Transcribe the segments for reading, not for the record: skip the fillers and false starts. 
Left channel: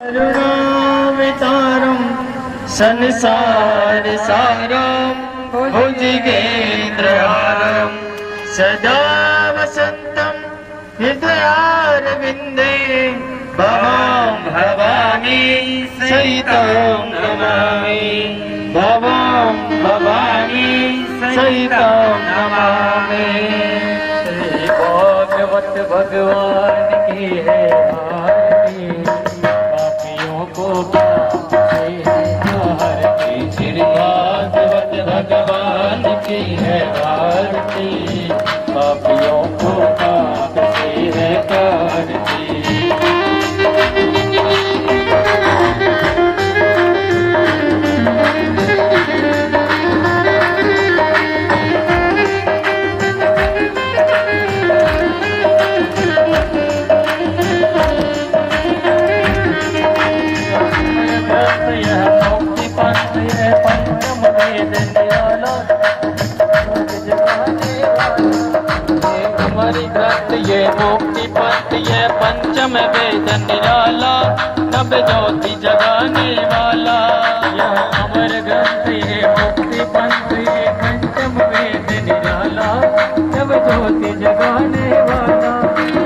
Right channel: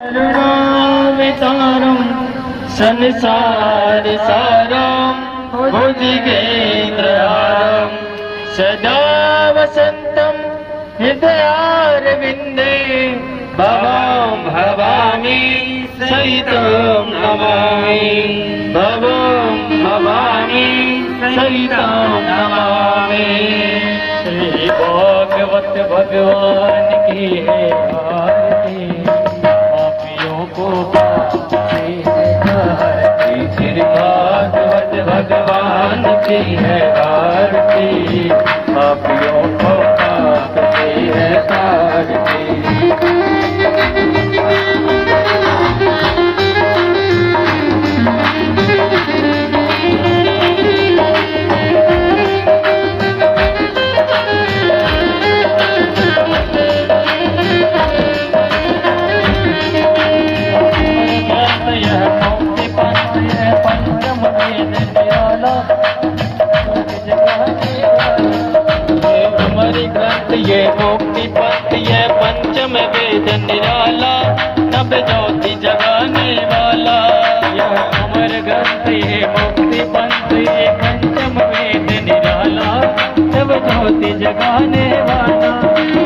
करुणावतारं संसार सारं भुजगेन्द्रहारं सदा वसन्तं हृदयारविन्दे भवां भवामि सहितं नमामि भवां भवामि सहितं नमामि। श्री भागवत भगवान की है श्री भागवत भगवान की है आरती, पापियों को पाप से है तारती। ये मुक्ति पथ ये पंचम वेद निराला, नव ज्योति जगाने वाला। यह अमर ग्रंथ ये मुक्ति पंथ ये पंचम वेद निराला, नव ज्योति जगाने वाला।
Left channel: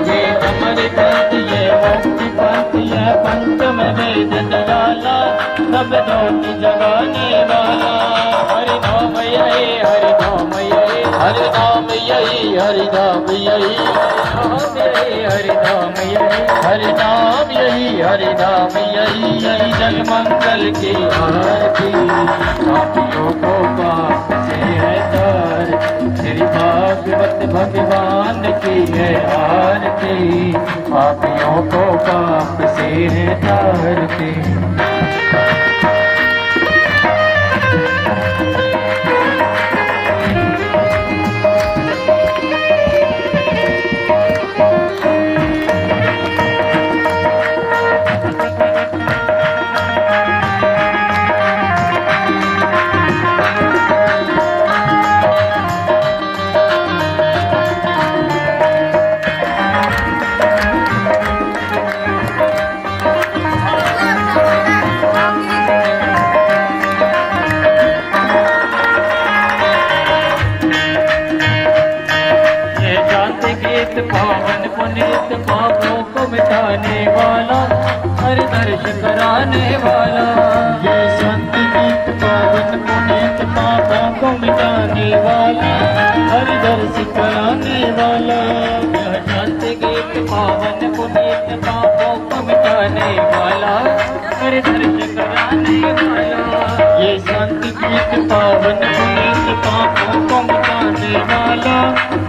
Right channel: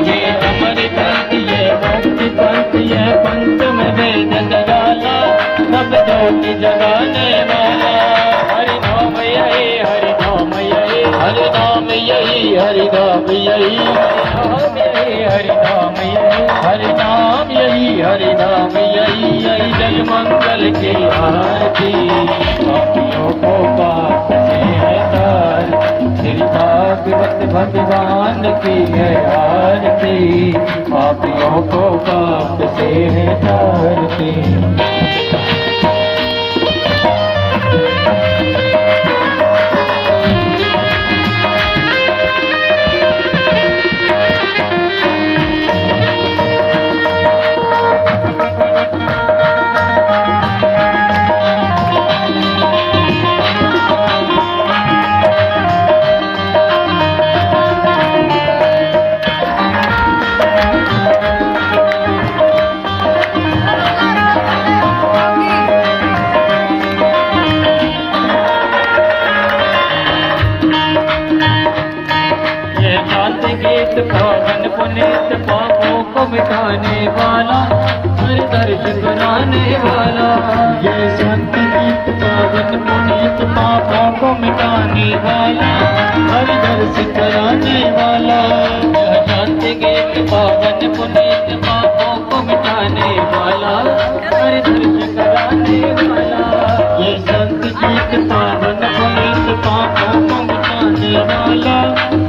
ये अमर ग्रंथ ये मुक्ति पंथ ये पंचम वेद निराला, नव ज्योति जगाने वाला। हरि नाम यही हरि नाम यही हरि नाम यही हरि नाम यही हरि नाम यही हरि नाम यही हरि नाम यही। यही जल मंगल की आरती, पापियों को पाप से है तार। श्री भागवत भगवान की है आरती, पापियों को पाप से है तारती। पावन पुनीत पापों को मिटाने वाला, हर दर्श कराने वाला। ये संत गीत पावन पुनीत पापों को मिटाने वाला, हर दर्श कराने वाला। यह संत गीत पावन पुनीत पापों को मिटाने वाला, हर दर्श कराने वाला। ये संत गीत पावन पुनीत पापों को मिटाने वाला,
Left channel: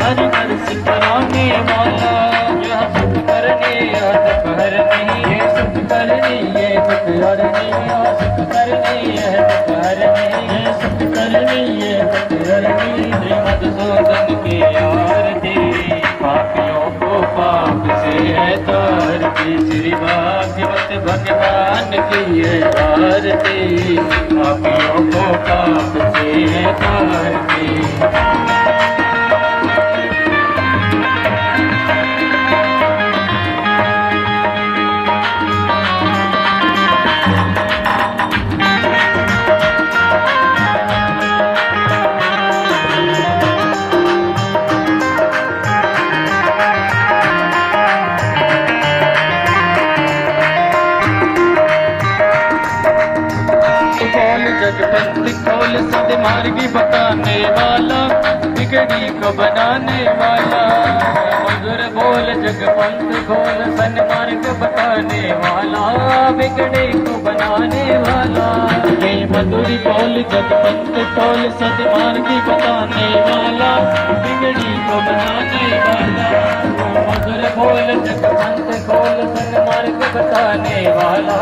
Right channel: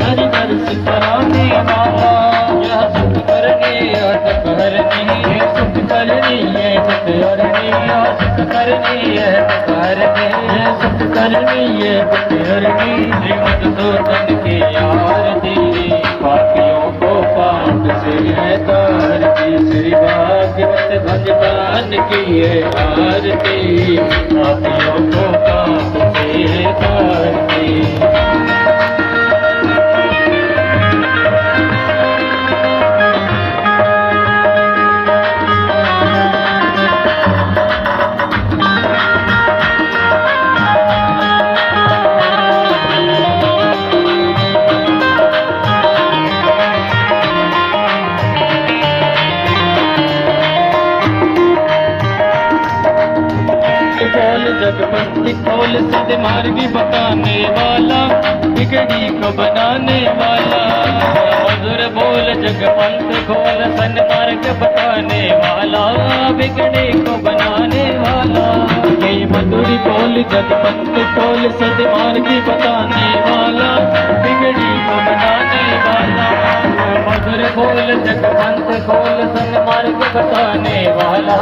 हर दर्श कराने वाला। यह सुख करने सुख हरने, ये सुख करने ये सुख हरने, सुख करने ये सुख हरने, सुख करने ये सुख हरने। श्रीमद् की आरती, पापियों को पाप से है तारती। श्री भागवत भगवान की है आरती, पापियों को पाप से है तारती। जगपति खोल सदमार्गी बताने वाला, बिगड़ी को बनाने वाला। मधुर बोल जगपंथ खोल सन्मार्ग बताने वाला, बिगड़ी को बनाने वाला। ये मधुर बोल जगपंथ खोल सदमार्गी बताने वाला, बिगड़ी को बनाने वाला। मधुर बोल जगपंथ खोल सन्मार्ग बताने वाला,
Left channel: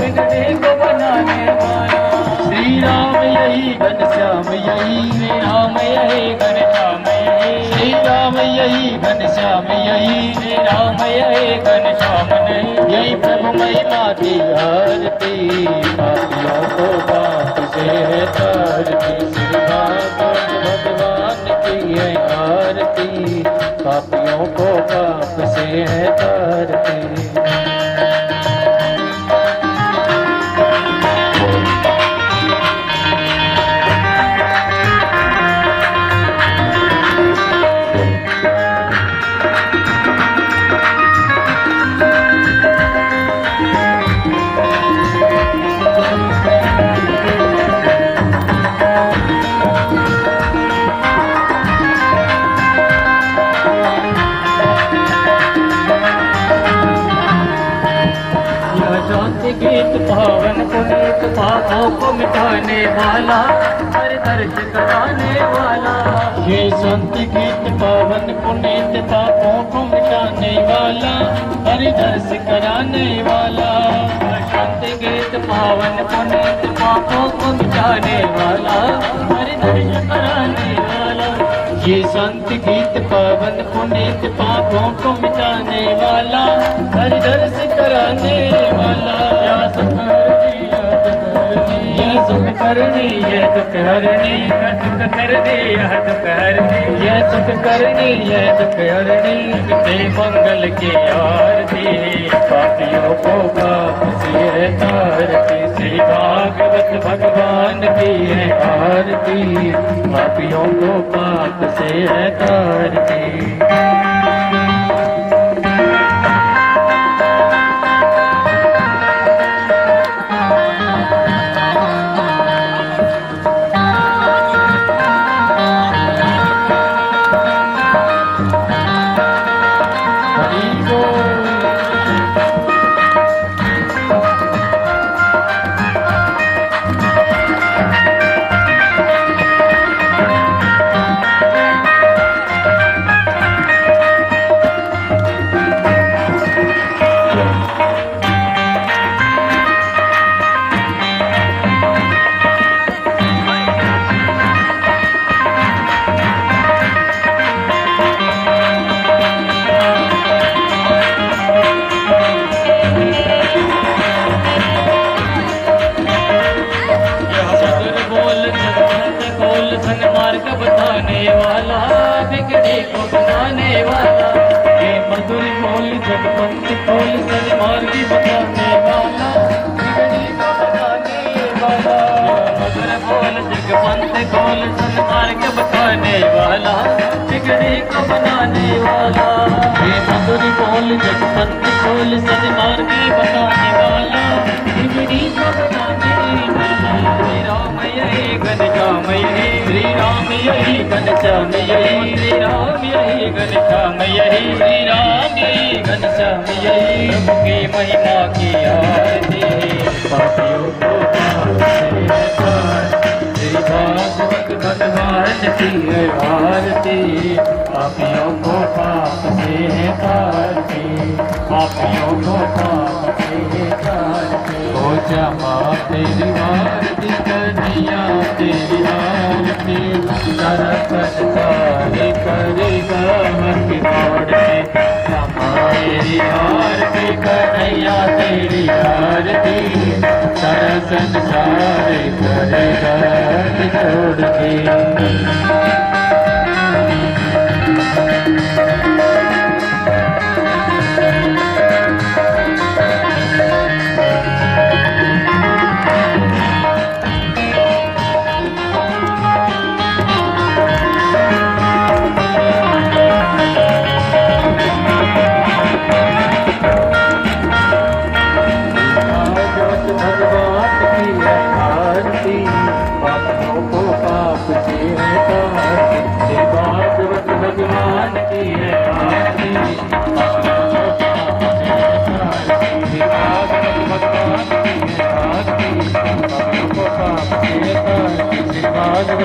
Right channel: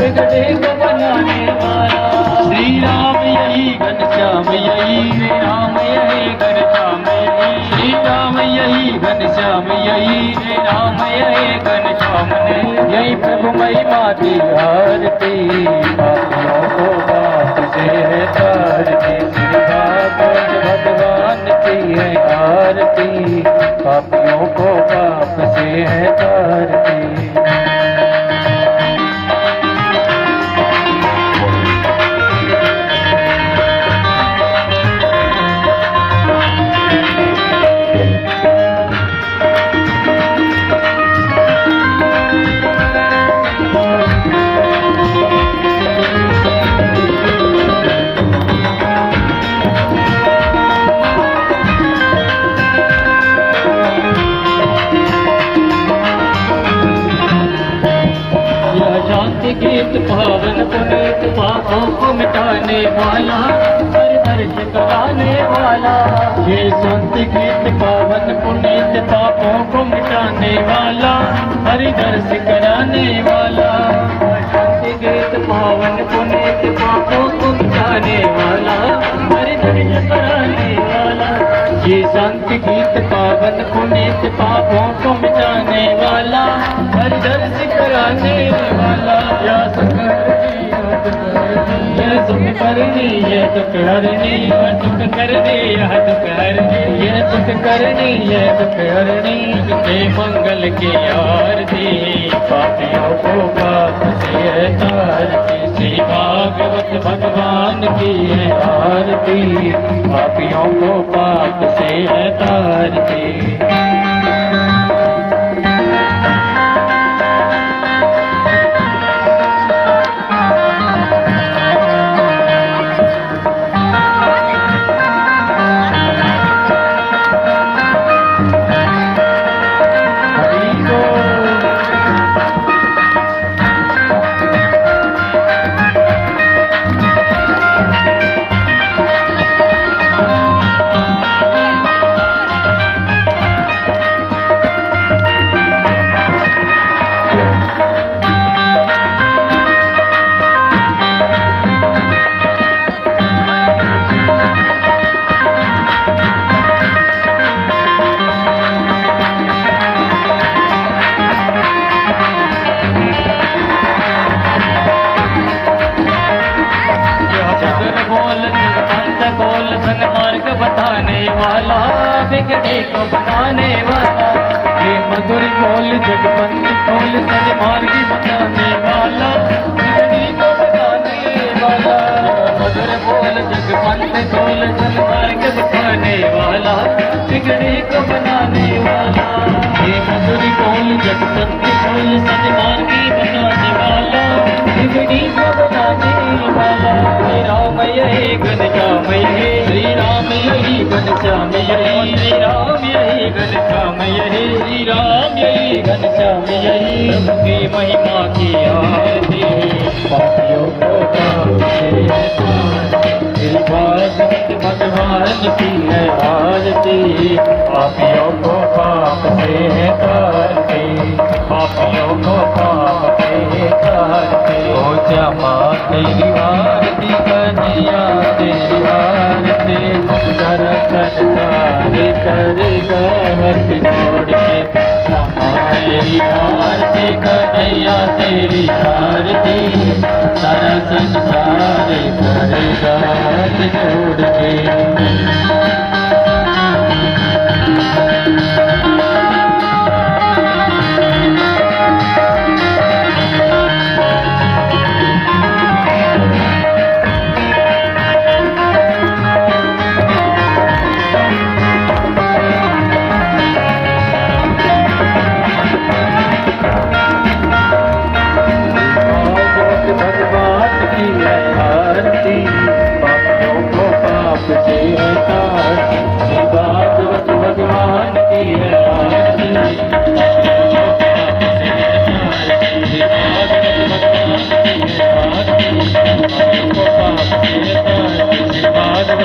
बिगड़ी को बनाने वाला। श्री राम यही घनश्याम यही, श्री राम यही घनश्याम यही, श्री राम यही घनश्याम यही, श्री राम यही घनश्याम यही। प्रभु महिमा की आरती, पापियों को पाप से है तारती। श्री भागवत भगवान की है आरती, पापियों को पाप से है तारती। शांति गीत पावन पुनीत पापों को मिटाने वाला हर दर्श कराने वाला। ये शांति गीत पावन पुनीत पापों को मिटाने वाला हर दर्श कराने वाला। शांति गीत पावन पुनीत पापों को मिटाने वाला हर दर्श कराने वाला। ये शांति गीत पावन पुनीत पापों को मिटाने वाला हर दर्श कराने वाला। या सुख हरनी या सुख करनी ये दुख हरनी दुख करनी यह दुख हरनी ये सुख करनी ये दुख हरनी। जय मंगल की आरती पापियों को पाप से तारती। श्री भागवत भगवान की है आरती पापियों को पाप से तारती। बिगड़े को बनाने वाला। ये मधुर बोल जगपंथ बोल सन्मार्गी बनाने वाला बिगड़ी को बनाने वाला। मधुर बोल जगपंथ बोल सन्मार्ग बताने वाला बिगड़ी को बनाने वाला। ये मधुर बोल जगपंथ बोल सन्मार्गी बताने वाला बिगड़ी को बनाने वाला। श्री राम यही घनश्याम यही श्री राम यही घनश्याम यही श्री राम यही घनश्याम यही श्री राम यही घनश्याम यही। की महिमा की आरती पापियों को श्री भागवत भगवान की है आरती पापियों को पाप से तारती पापियों को पाप से तारती। ओ जमा तेरी आरती कन्हैया तेरी आरती कर सारे करेगा हक छोड़ के। तेरी आरती कन्हैया तेरी आरती सारा संसार करेगा हक छोड़ के।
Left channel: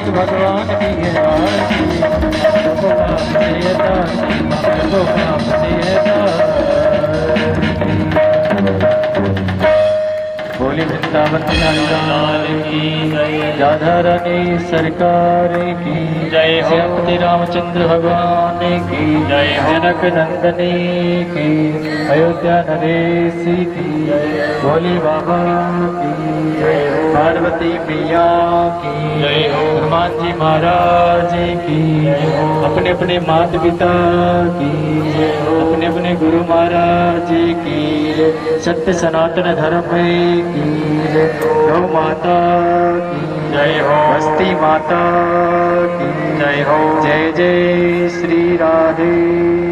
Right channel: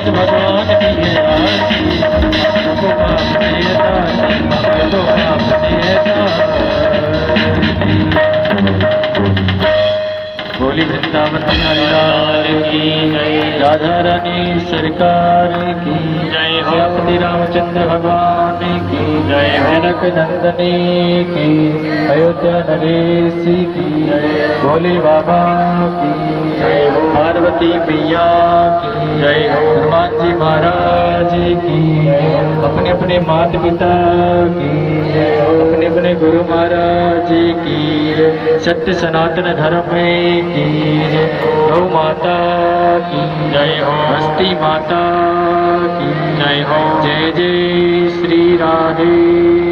भगवान की बोली वृंदावन की जय राधा रानी सरकार की जय। श्री रामचंद्र भगवान की जय। जनक नंदनी की अयोध्या नरेश की जय। भोले बाबा की जय। पार्वती प्रिया की जय। हनुमान जी महाराज की अपने अपने माता पिता की अपने अपने गुरु महाराज की सत्य सनातन धर्म की गौ माता की जय हो। हस्ती माता की जय हो। जय जय श्री राधे।